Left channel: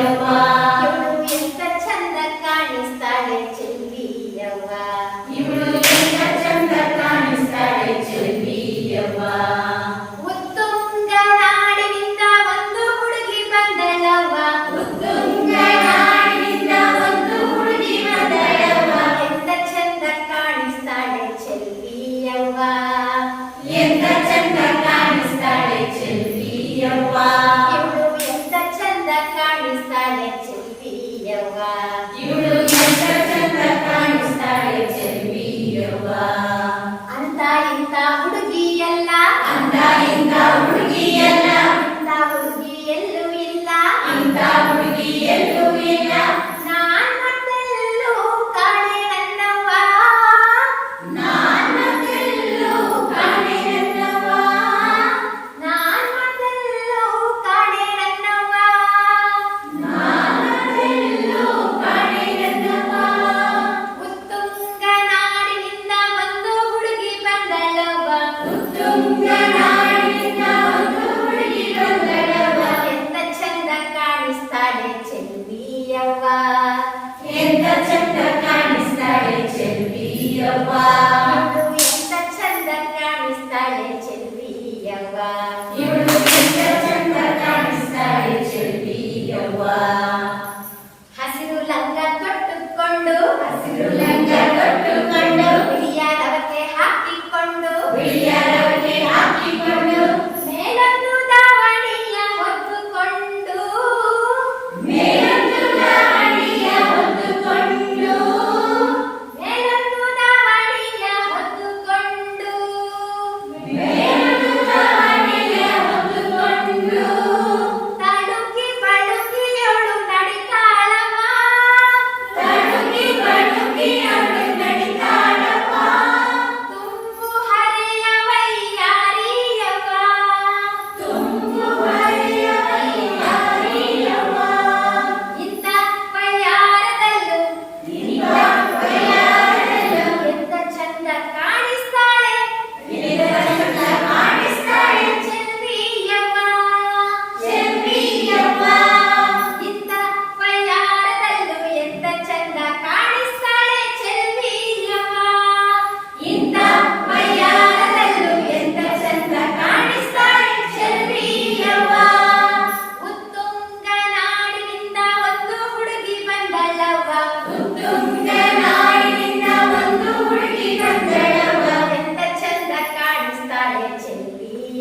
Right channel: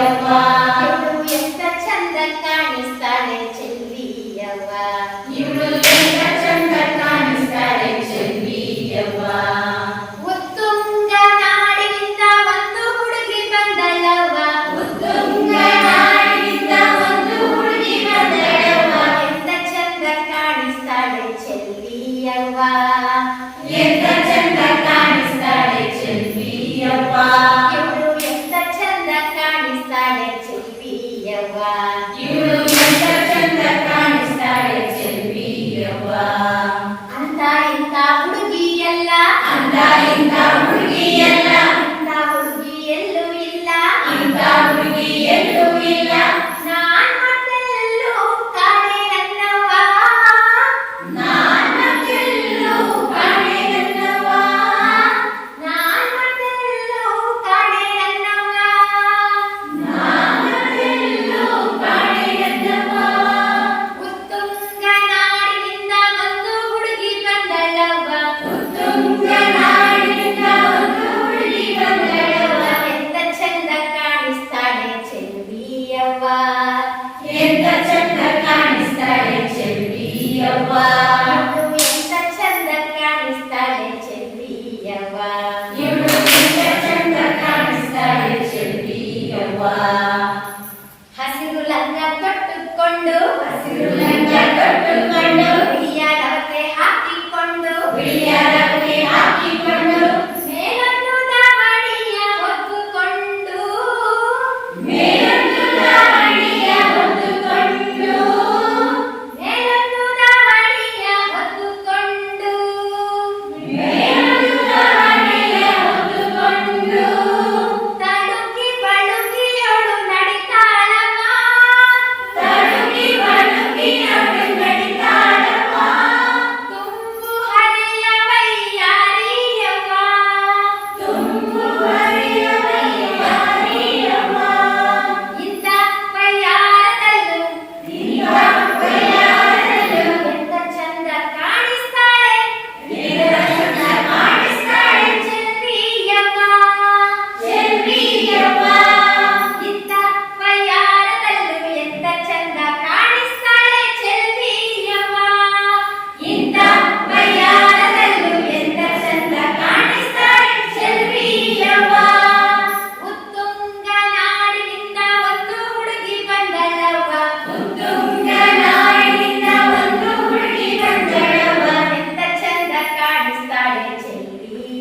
Yeah. ಇಂತ ಇಂತ ಹುಡುಗಿಯಲ್ಲ ಅಂತ ಇಂತ കൊണ്ട് ചട്ടം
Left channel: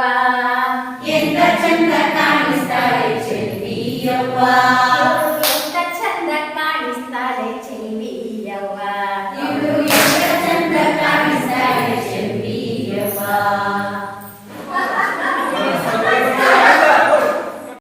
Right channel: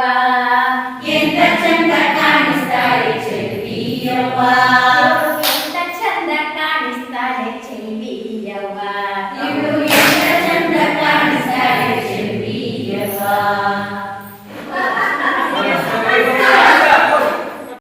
Yoga, in the tender time, started to be